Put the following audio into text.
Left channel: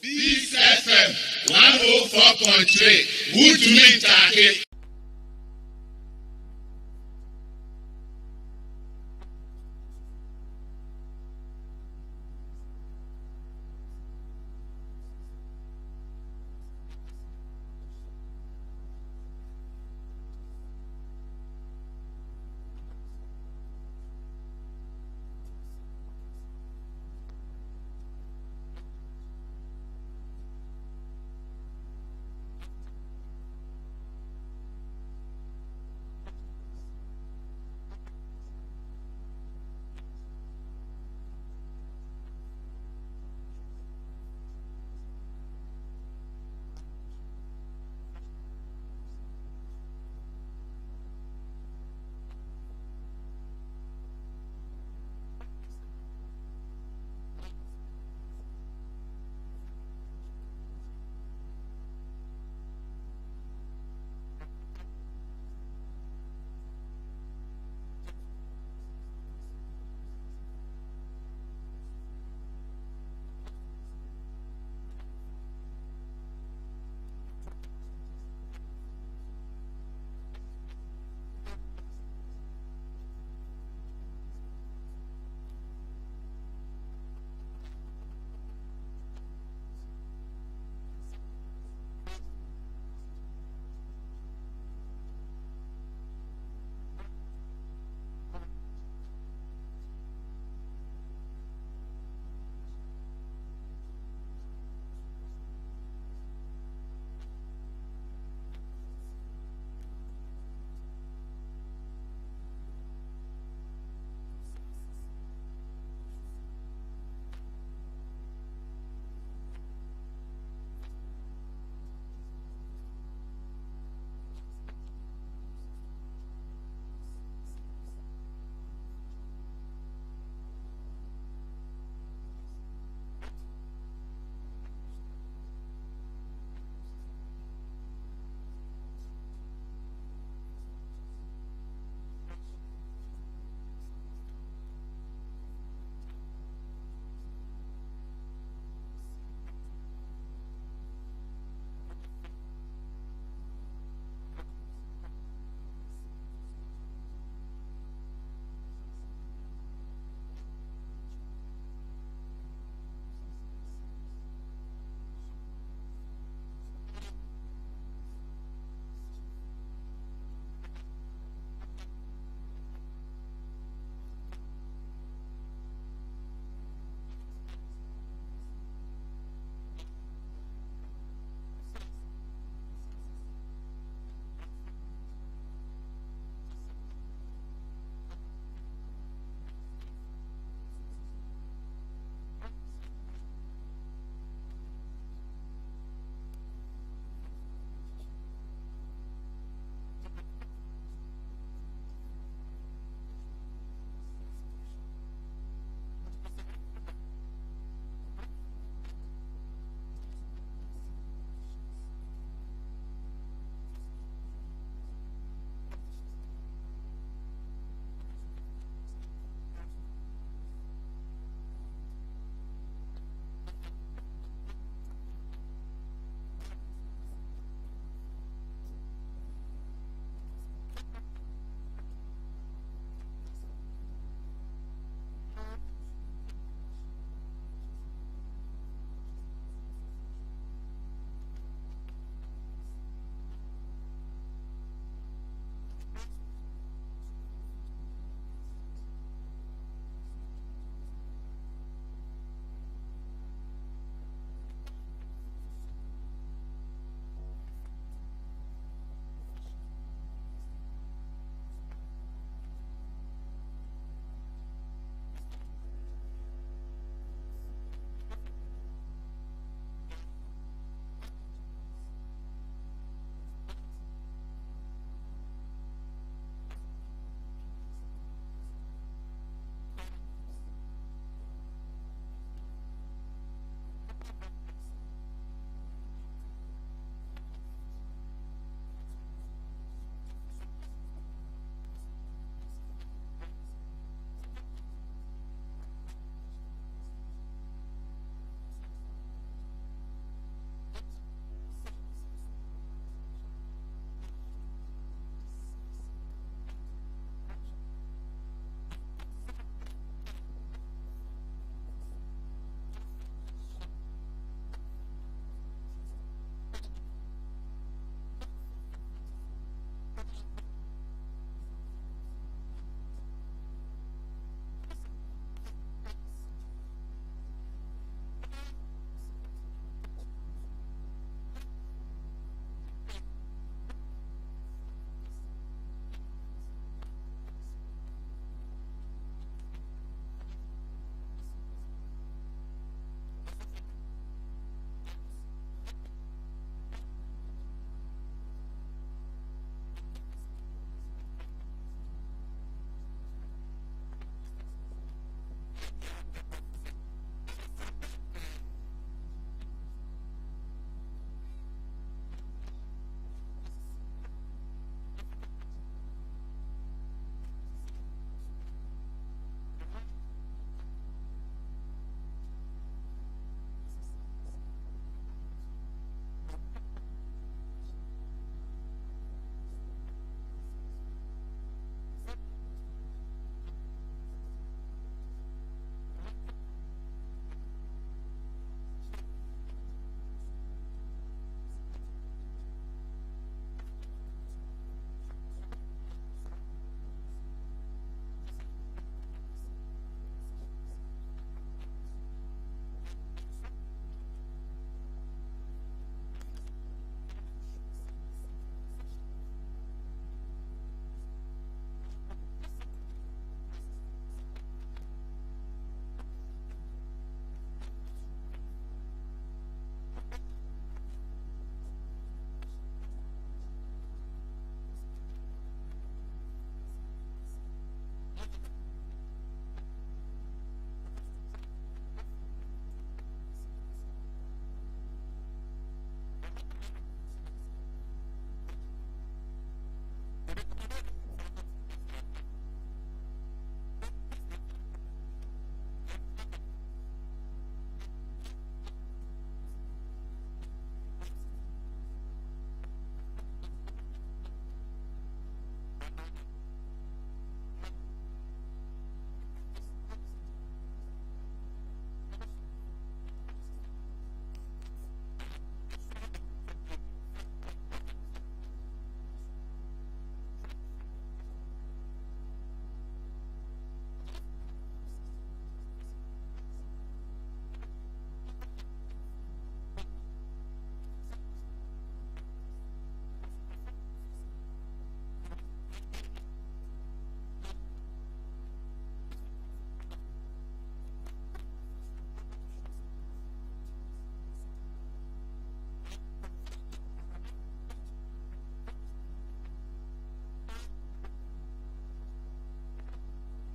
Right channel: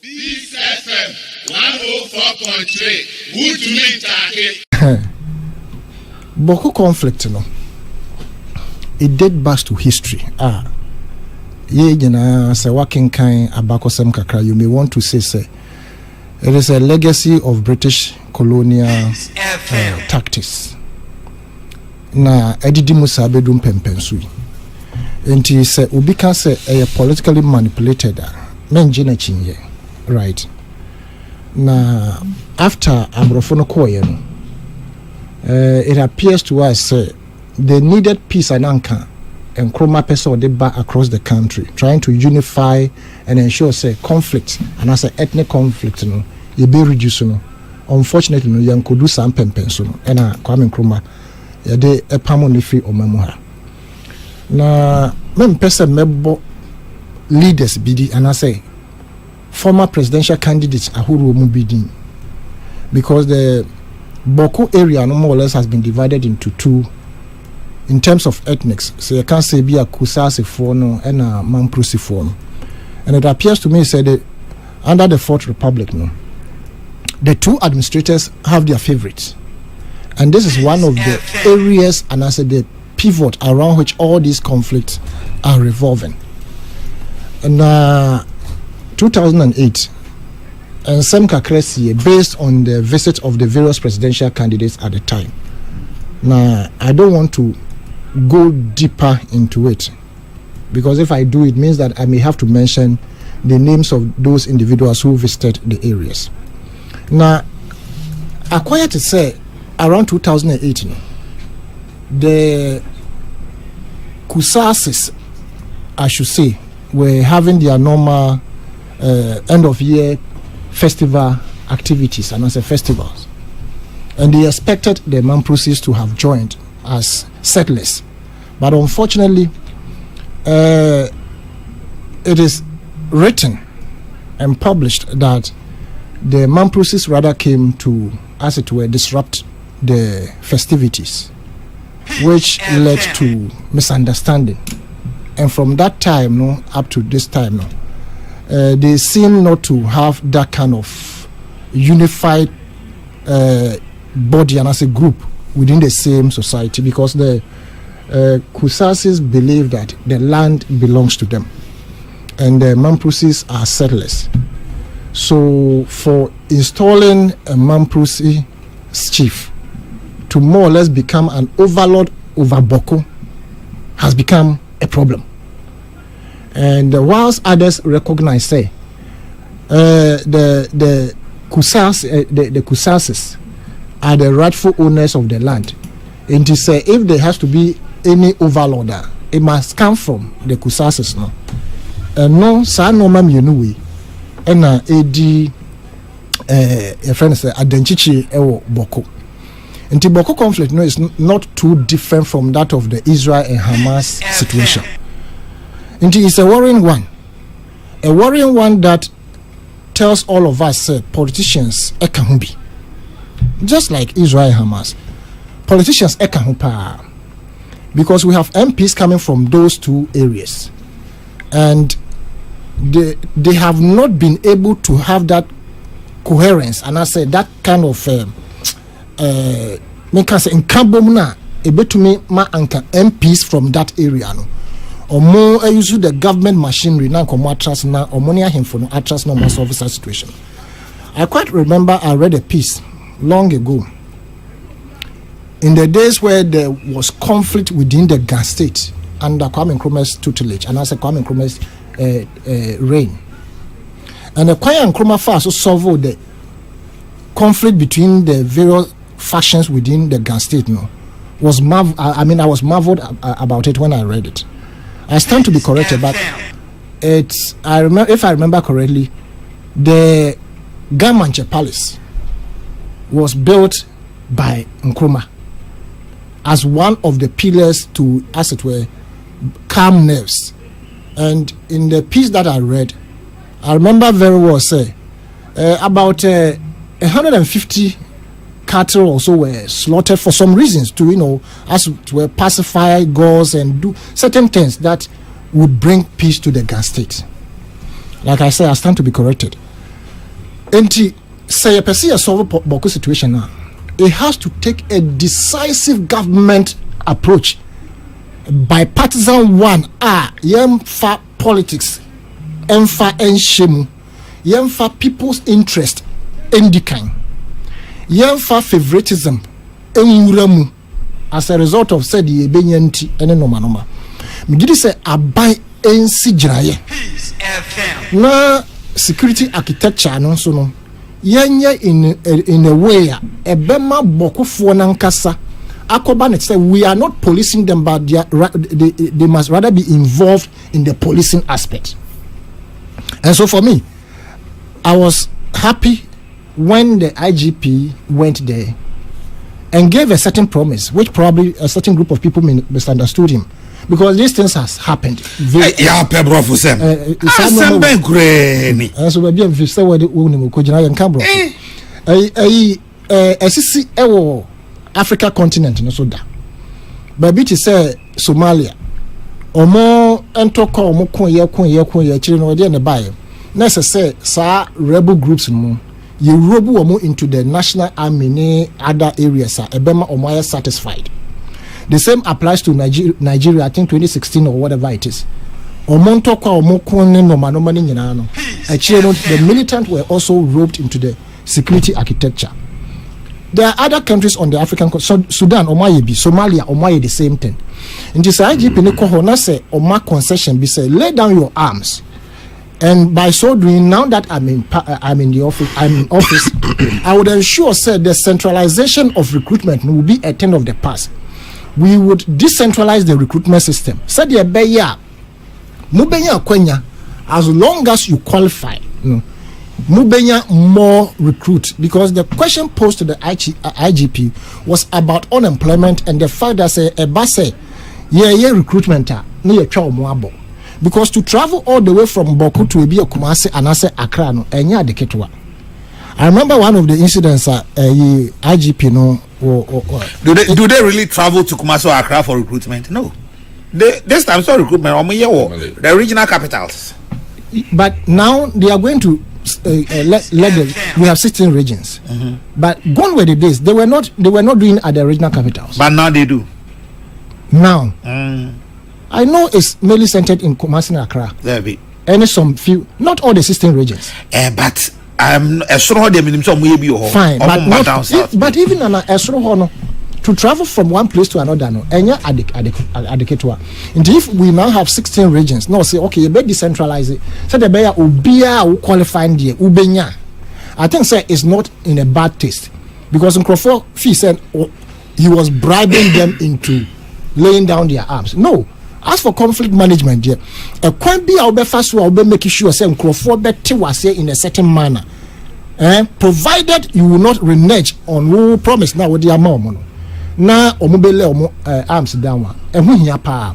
This FM 104.3. Good to meet you. Bawku conflict, it dates back to history. Say working kind abakosem kakra. You may want to say it is a legacy of British colonial tactics. Na edidi musabe dum pempensui. Enti say obi can say a politically manipulated menje na chinye. Right. Now, after Amrofono Koye, it appears to us they needed peace and anchor and chroma person they back across the country, trying to unify and ensure conflict and as ethnic conflict, you be reduced. Unfortunately, you could do some pempenso and Kwame Nkrumah de a pamonifi or memoir. Now, men person mebo leaders bidi and I say former presidential candidates Ahuru Mubidin, because the Bawku area no more or less has been divided into two in terms of ethnics. So you can't say be a Kusasi Fono and a Mamprusi Fono. And it appears to me that under the Fourth Republic, the two administrators have their favorites. And this is one of the areas and I said the pivot around which all these conflicts are revolving. And 2008, and some Kakresi, based on the visit of the various presidential candidates at the time. Now, I don't want to go deeper into it, because if I do, it means that I may have to mention the names of those individuals who visited the areas. Now, I quiet to say, around 2008, the Kusasis, I should say, were having their normal end of year festival activities and as a festivals, and they expected the Mamprusis to have joined as settlers, but unfortunately it is written and published that the Mamprusis rather came to, as it were, disrupt the festivities, which led to misunderstanding, and from that time up to this time they seem not to have that kind of unified body and as a group within the same society, because the Kusasis believe that the land belongs to them and the Mamprusis are settlers. So for installing a Mamprusi chief to more or less become an overlord over Bawku has become a problem. And whilst others recognize, the Kusasis are the rightful owners of the land, and to say if there has to be any overlorder, it must come from the Kusasis. No, sa no mam yenuwe, ena edi a friend say adenchichi ewo Bawku. And the Bawku conflict is not too different from that of the Israel and Hamas situation. And it's a worrying one that tells all of us politicians ekahubi, just like Israel and Hamas. Politicians ekahupa, because we have MPs coming from those two areas, and they have not been able to have that coherence, and I say that kind of make us in Kambomna ebetumi ma anka MPs from that area or more use the government machinery now come atras now or money him for no atras no more solve that situation. I quite remember I read a piece long ago in the days where there was conflict within the Ghana state under Kwame Nkrumah's tutelage and as a Kwame Nkrumah's reign, and the Kwame Nkrumah first solved the conflict between the various factions within the Ghana state. I was marveled about it when I read it. I stand to be corrected, but if I remember correctly, the Gamanche Palace was built by Nkrumah as one of the pillars to, as it were, calm nerves. And in the piece that I read, I remember very well about 150 cattle also were slaughtered for some reasons to, as it were, pacify gods and do certain things that would bring peace to the Ghana state. Like I said, I stand to be corrected. enti say a person solve Bawku situation now, it has to take a decisive government approach. Bipartisan one yemfa politics, emfa enshemu, yemfa people's interest endikan, yemfa favoritism enwuramu as a result of said ye benyanti ene noma. Migidi say abai ensi jiraye. Na security architecture no so no yenye in a way ebema Bawkufoɔ nankasa akoba net say we are not policing them, but they must rather be involved in the policing aspect. And so for me, I was happy when the IGP went there and gave a certain promise, which probably a certain group of people misunderstood him. Because these things has happened. Yeah, Pebro for them. So maybe if you say what you Cambro. Africa continent no so da. But it say Somalia. Omo entoko omo kon ye chiri no dey na buy. Na say sa rebel groups no you robu omo into the national army ne other areas ebema omo are satisfied. The same applies to Nigeria, I think 2016 or whatever it is. The militants were also roped into the security architecture. There are other countries on the African continent, Sudan, Somalia, the same thing. In this IGP, say, concession, be say, lay down your arms. And by so doing, now that I'm in office, I would ensure, said the centralization of recruitment will be a thing of the past. We would decentralize the recruitment system. Said the beya, mubenya kwenya, as long as you qualify, mubenya more recruit. Because the question posed to the IGP was about unemployment and the fact that say a base, recruitment near Chao. Because to travel all the way from Bawku to Ebi Kumasi and say Accra no enya de ketwa. I remember one of the incidents IGP no. Do they really travel to Kumasi or Accra for recruitment? No. This time so recruitment the regional capitals. But now they are going to let them. We have 16 regions. Mm-hmm. But gone were the days they were not doing at the regional capitals. But now they do. Now I know it's mainly centered in Kumasi and Accra. There be. And some few, not all the 16 regions. But I'm sure they mean some maybe fine, but not down south. But even on a to travel from one place to another, no, enya adeketwa. And if we now have 16 regions, no, say okay, you better decentralize it. So the better ubia who qualifying the ubenya. I think say it's not in a bad taste because in Crawford Fee said he was bribing them into laying down their arms. No. As for conflict management, a can be our fast will be making sure say Crawford better was say in a certain manner. Provided you will not renege on who promise now with their mom. Now omobele arms down and who here pa.